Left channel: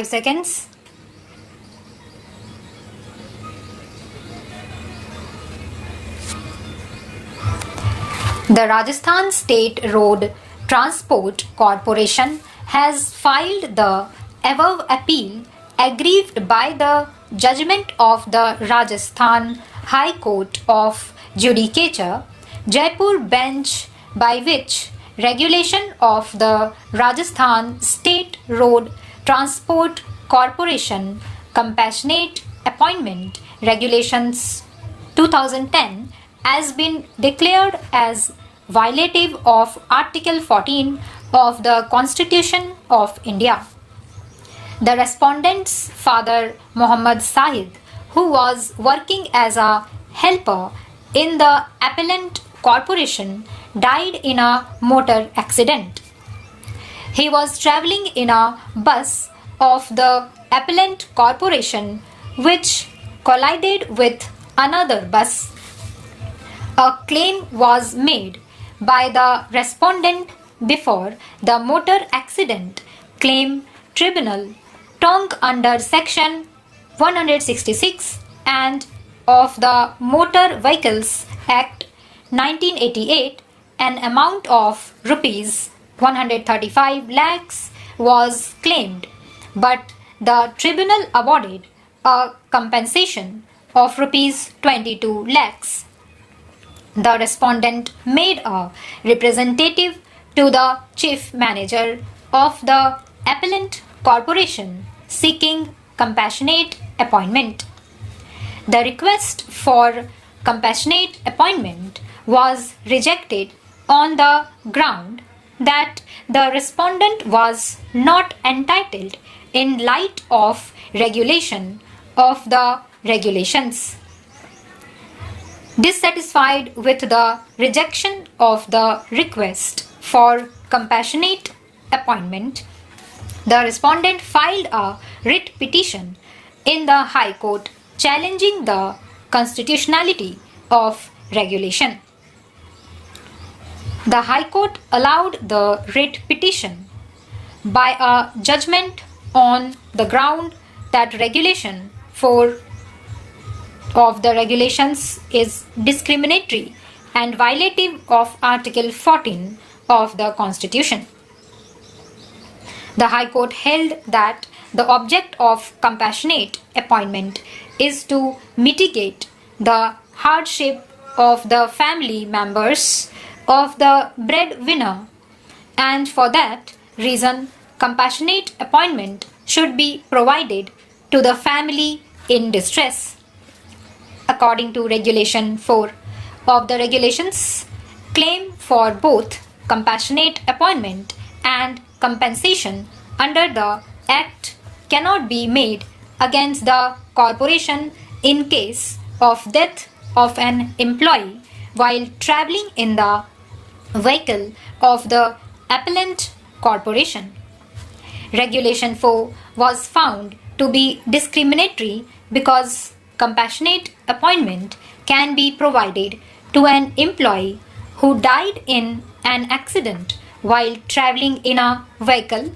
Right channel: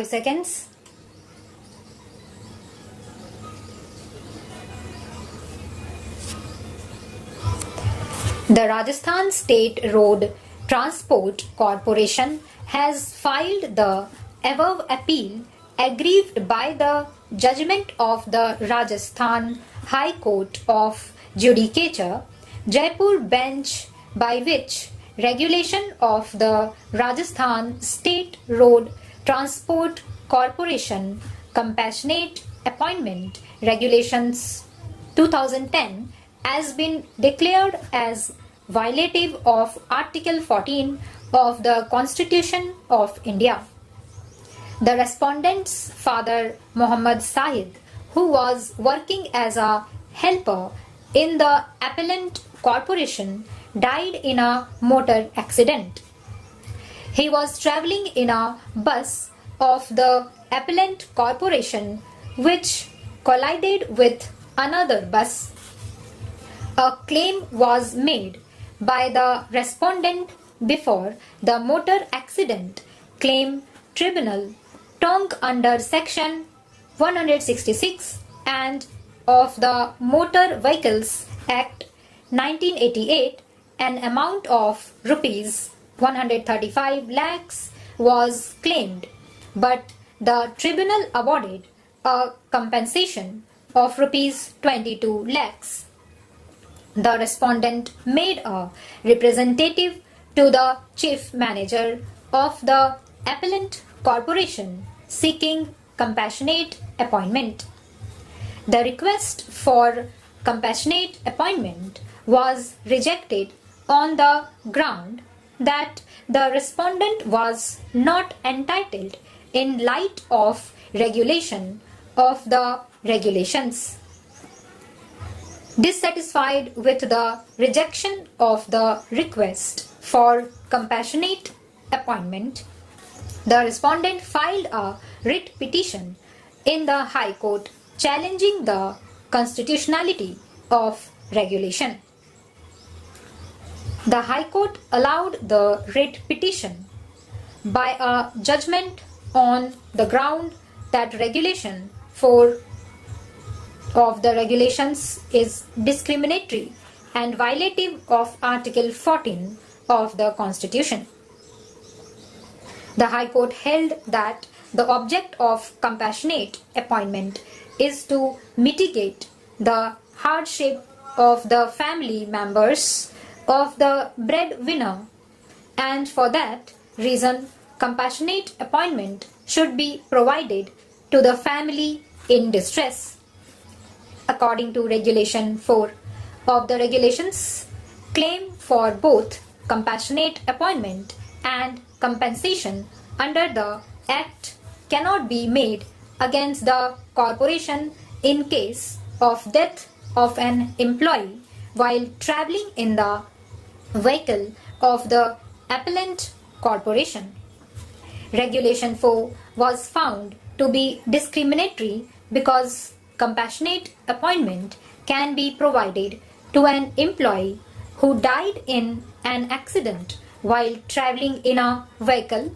5 seconds. The Rajasthan State Road Transport Corporation has filed the above appeal aggrieved by the judgment of the Rajasthan High Court of Judicature, Jaipur bench, by which regulation of the Rajasthan State Road Transport Corporation Compassionate Appointment Regulations 2010 has been declared as violative of Article 14 of the Constitution of India. The respondent's father, Muhammad Sahid, who was working as a helper in the appellant corporation, died in a motor accident. He was travelling in a bus of the appellant corporation which collided with another bus. A claim was made by the respondent before the Motor Accident Claim Tribunal, tongue under Section 166 and of the Motor Vehicles Act 1988. An amount of rupees 135 lakhs was claimed, but the tribunal awarded a compensation of rupees 22 lakhs. The respondent made a representative to the chief manager of the appellant corporation seeking compassionate appointment. The request for compassionate appointment was rejected on the ground that the respondent was not entitled in light of regulation of the regulations. Dissatisfied with the rejection of the request for compassionate appointment, the respondent filed a writ petition in the High Court challenging the constitutionality of regulation. The High Court allowed the writ petition by a judgment on the ground that Regulation 4 of the regulations is discriminatory and violative of Article 14 of the Constitution. The High Court held that the object of compassionate appointment is to mitigate the hardship of the family members of the breadwinner, and for that reason compassionate appointment should be provided to the family in distress. According to Regulation 4 of the regulations, claim for both compassionate appointment and compensation under the Act cannot be made against the corporation in case of death of an employee while travelling in the vehicle of the appellant corporation. Regulation 4 was found to be discriminatory because compassionate appointment can be provided to an employee who died in an accident while travelling in a vehicle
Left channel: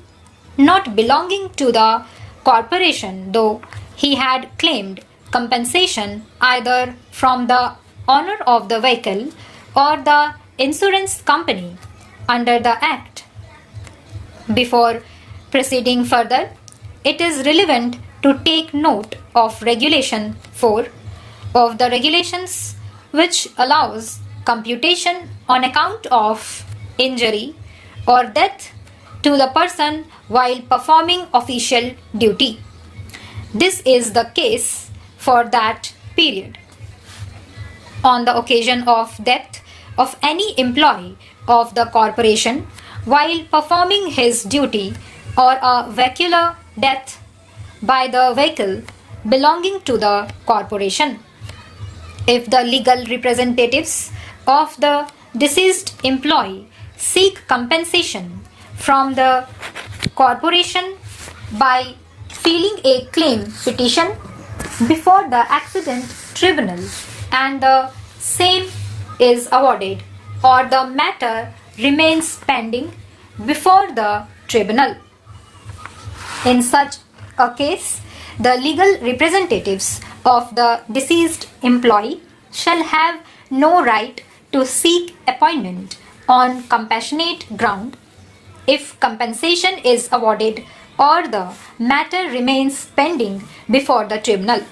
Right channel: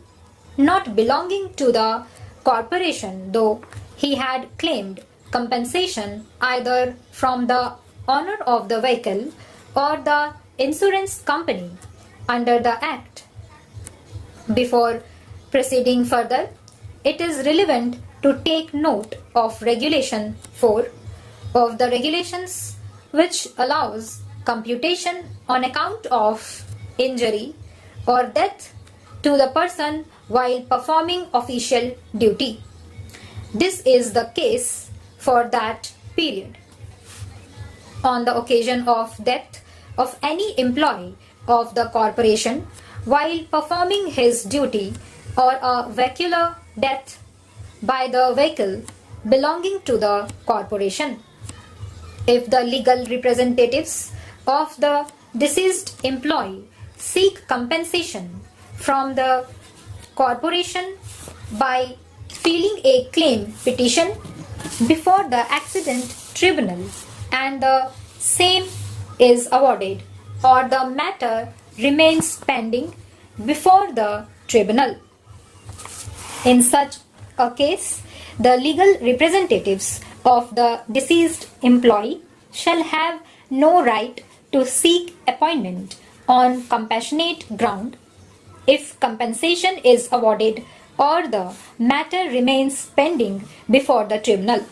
not belonging to the corporation, though he had claimed compensation either from the owner of the vehicle or the insurance company under the Act. Before proceeding further, it is relevant to take note of Regulation 4 of the regulations, which allows computation on account of injury or death to the person while performing official duty. This is the case for that period. On the occasion of death of any employee of the corporation while performing his duty, or a vehicular death by the vehicle belonging to the corporation, if the legal representatives of the deceased employee seek compensation from the corporation by filing a claim petition before the accident tribunal and the same is awarded, or the matter remains pending before the tribunal. In such a case, the legal representatives of the deceased employee shall have no right to seek appointment on compassionate ground if compensation is awarded or the matter remains pending before the tribunal.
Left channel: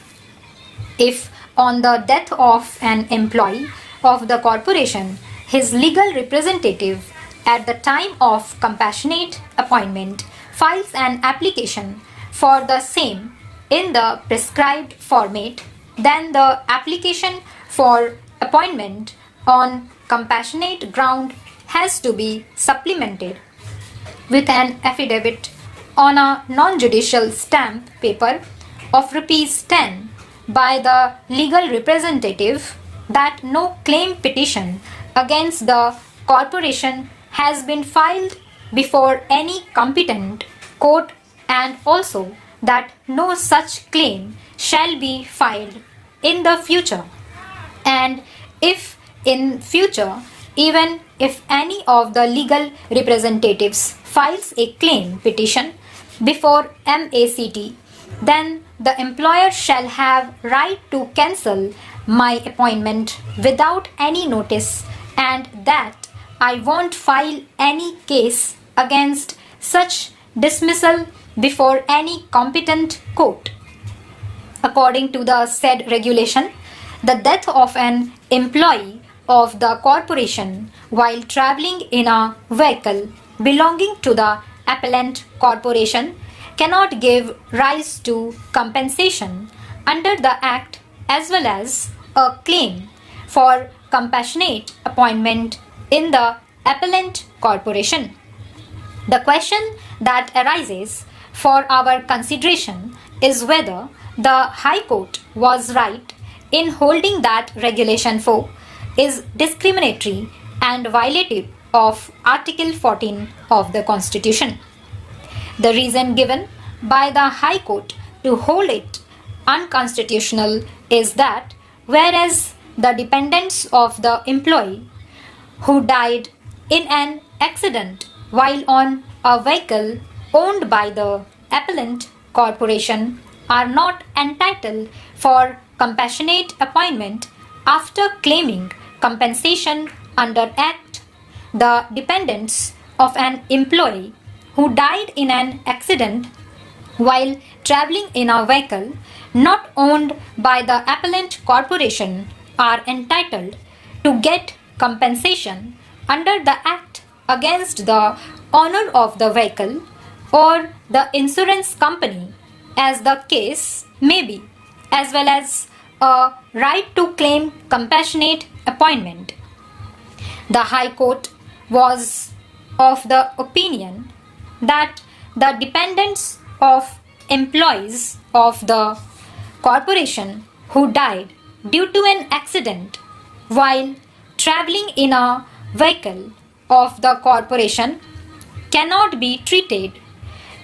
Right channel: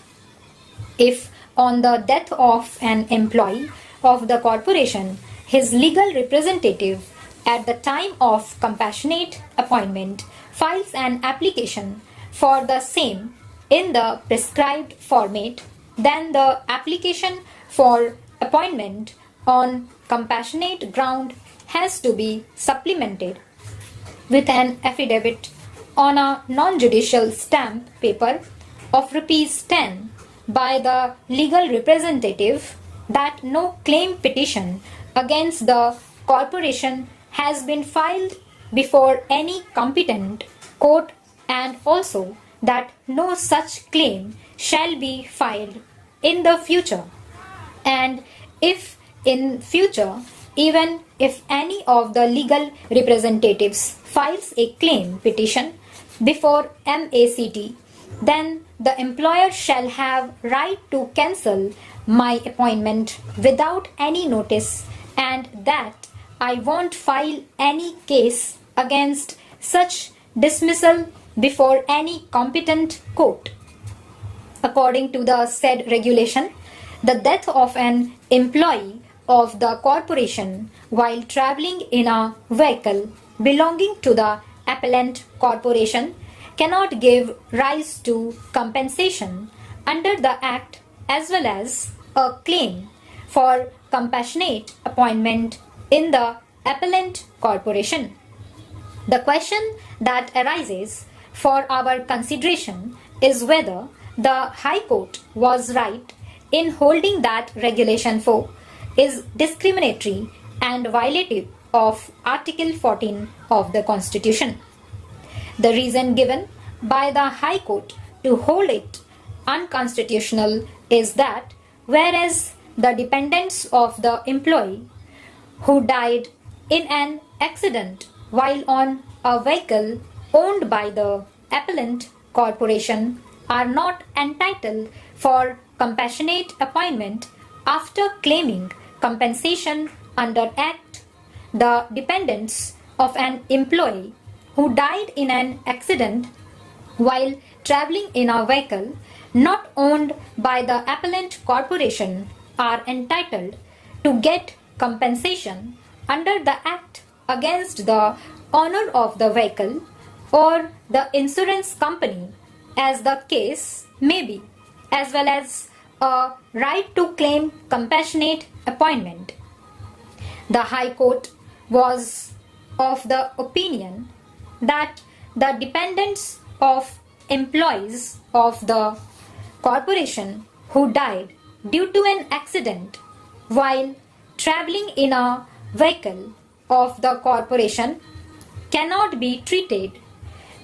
If on the death of an employee of the corporation, his legal representative at the time of compassionate appointment files an application for the same in the prescribed format, then the application for appointment on compassionate ground has to be supplemented with an affidavit on a non-judicial stamp paper of ₹10 by the legal representative that no claim petition against the corporation has been filed before any competent court, and also that no such claim shall be filed in the future. And if in future, even if any of the legal representatives files a claim petition before MACT, then the employer shall have right to cancel my appointment without any notice, and that I won't file any case against such dismissal before any competent court. According to the said regulation, the death of an employee of the corporation while traveling in a vehicle belonging to the appellant corporation cannot give rise to compensation under the Act as well as a claim for compassionate appointment in the appellant corporation. The question that arises for our consideration is whether the High Court was right in holding that Regulation 4 is discriminatory and violative of Article 14 of the Constitution. The reason given by the High Court to hold it unconstitutional is that whereas the dependents of the employee who died in an accident while on a vehicle owned by the appellant corporation are not entitled for compassionate appointment after claiming compensation under Act, the dependents of an employee who died in an accident while traveling in a vehicle not owned by the appellant corporation are entitled to get compensation under the Act against the owner of the vehicle or the insurance company, as the case may be, as well as a right to claim compassionate appointment. The High Court was of the opinion that the dependents of employees of the corporation who died due to an accident while traveling in a vehicle of the corporation cannot be treated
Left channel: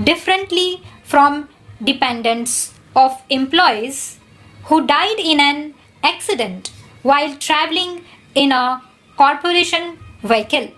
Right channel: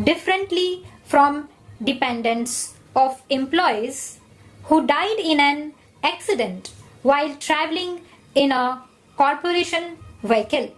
differently from dependents of employees who died in an accident while traveling in a corporation vehicle.